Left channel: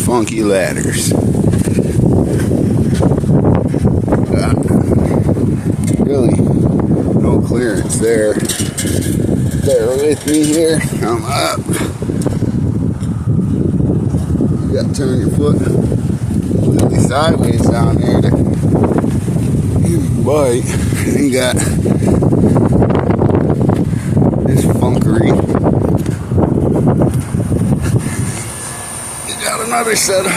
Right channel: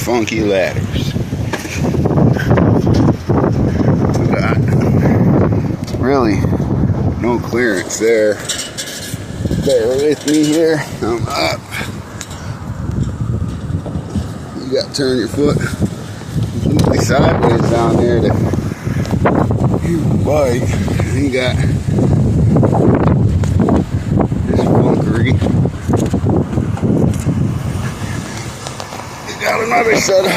Funky ladders. Got really no clearance there. Bear with me here. I'm up. You got to turn your foot completely sideways down there to bite. You got this funkery. You got another set of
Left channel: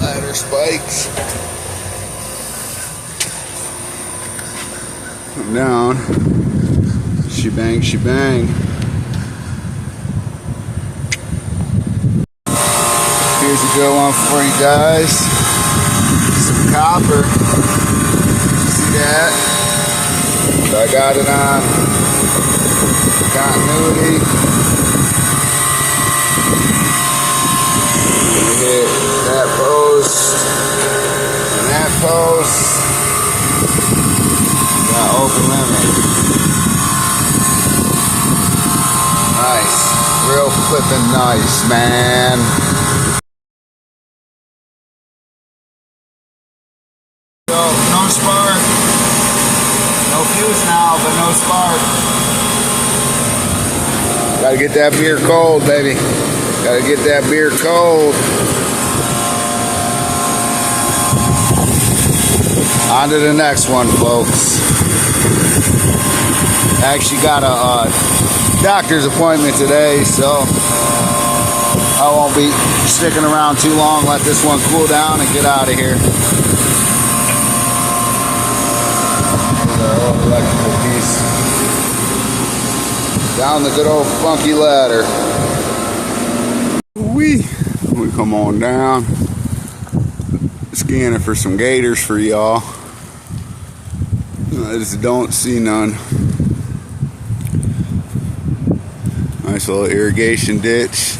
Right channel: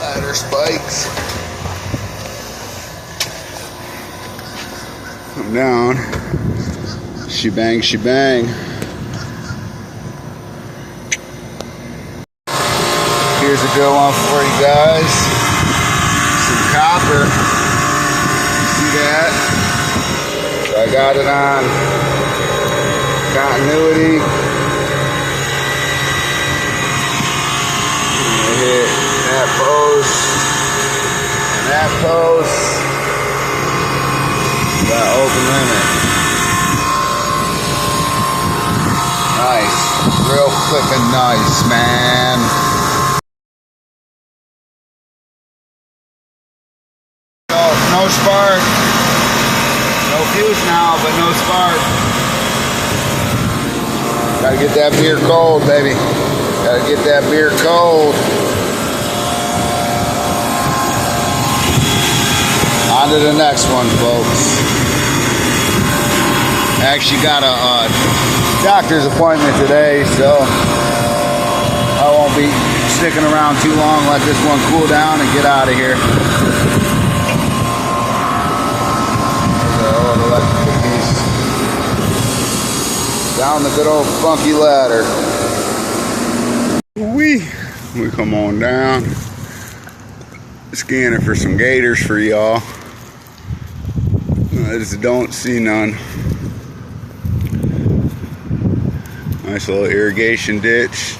ladder spikes. Come down. Shebang. Here's a deal on for you guys. Some copper. See that? So I got it on continuity. Hit that post and that post. Got open limit. Nice. Real flippin' nice, man. No spark. No fuse now, but no spark. Gotta get that beer cold, baby. Gotta get that beer cold. On to the next one, folks. I actually got a doctor's appointment today, so I won't be sticking around too long. Let this one cool down and get out of here. There's our old electrical piece. Down the good old funky ladder. We come on down. Scanning for some gators for y'all. I just don't see none. Nice little irrigation ditch.